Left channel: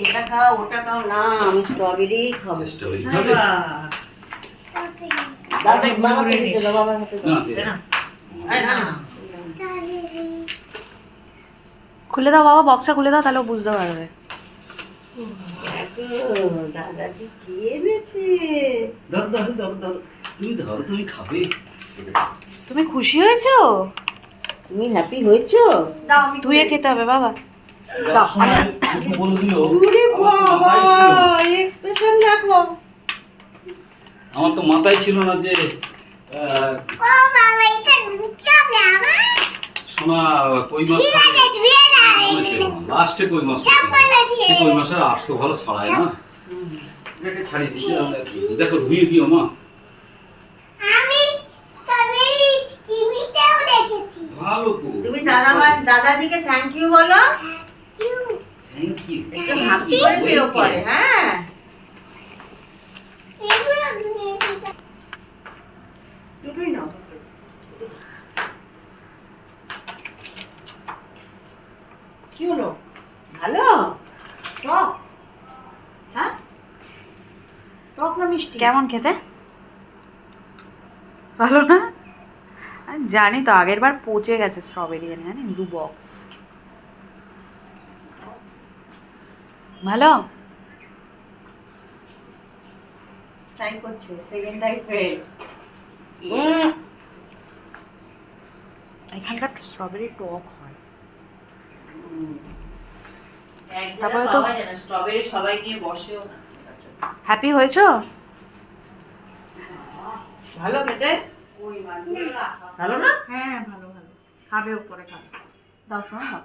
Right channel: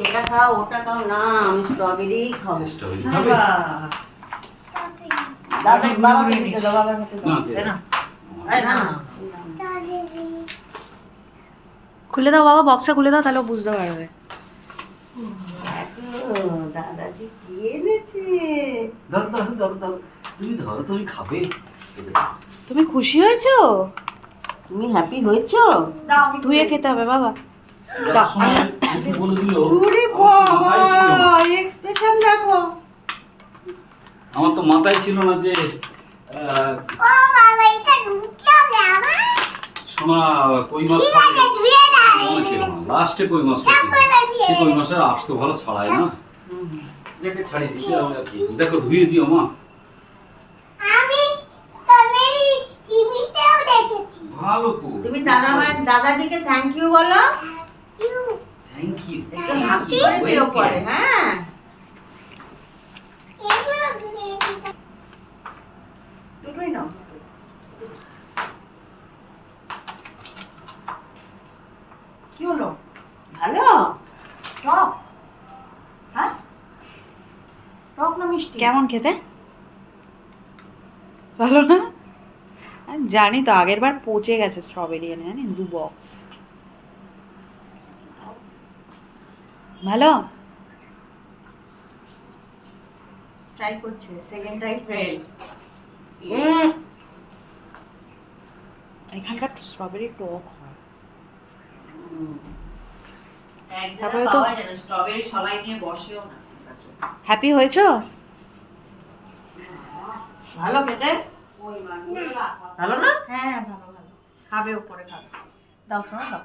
এটা খাও ওটা খাও না, আমি স্ট্রবেরি খাবো। স্ট্রবেরি খাবে? বাবাকে দিতে দাও, বাবাকে দিতে দাও। না, না, খুলে দাও বাবা, বক্সটা খুলে দাও, তাহলে ও বুঝতে পারবে। দেখো দাদাজি কি এনেছে। ধরো ধরো ধরো ধরো, তুমি ধরো, তুমি খাবে। তুমি খুশি হয়েছো? তুমি হ্যাপি হয়েছো? ধুয়ে খেতে হবে বাবা। যাওয়ার সময় কি বলে দিল? ওরে বাবা, মাথায় ছিল না। এক্সপ্রেশন দেখো। আমার তো মাথায় ছিল না যে সোনা কই মাছ লাস্টে কই মাছ, কই মাছের আঁশ তো ভালো ছাড়ায় না। দেখে ছাড়িয়ে দিতে আমরা কি দেখো, ধুয়ে দিও মা। ভালো তো, তুমি দাদাজিকে থ্যাংক ইউ বলো। Thank you. একটু হাসি করে দিও পরে। হ্যাঁ, দুটোই নাও। কি হলো? ভালো টক? হ্যাঁ, টক না মিষ্টি? কেমন খেতে? ভালো না? আমি জানি তো, আগের বার পচে গেছে স্ট্রবেরি এনে, জানি 2 বক্স। ভালো? ট্রাই করছে, সেকেন্ড টাইম ফেল। এখানকার স্ট্রবেরি টক হয়। তারপরে তারপরে তো তো- স্ট্রবেরি সবাই নিয়ে বসেও না। হ্যাপি হয়েছো? ভালো খেতে? ভালো না? হ্যাঁ ভালো ভালো, খাবে উপরে খাবে, দাও শোনো দাও।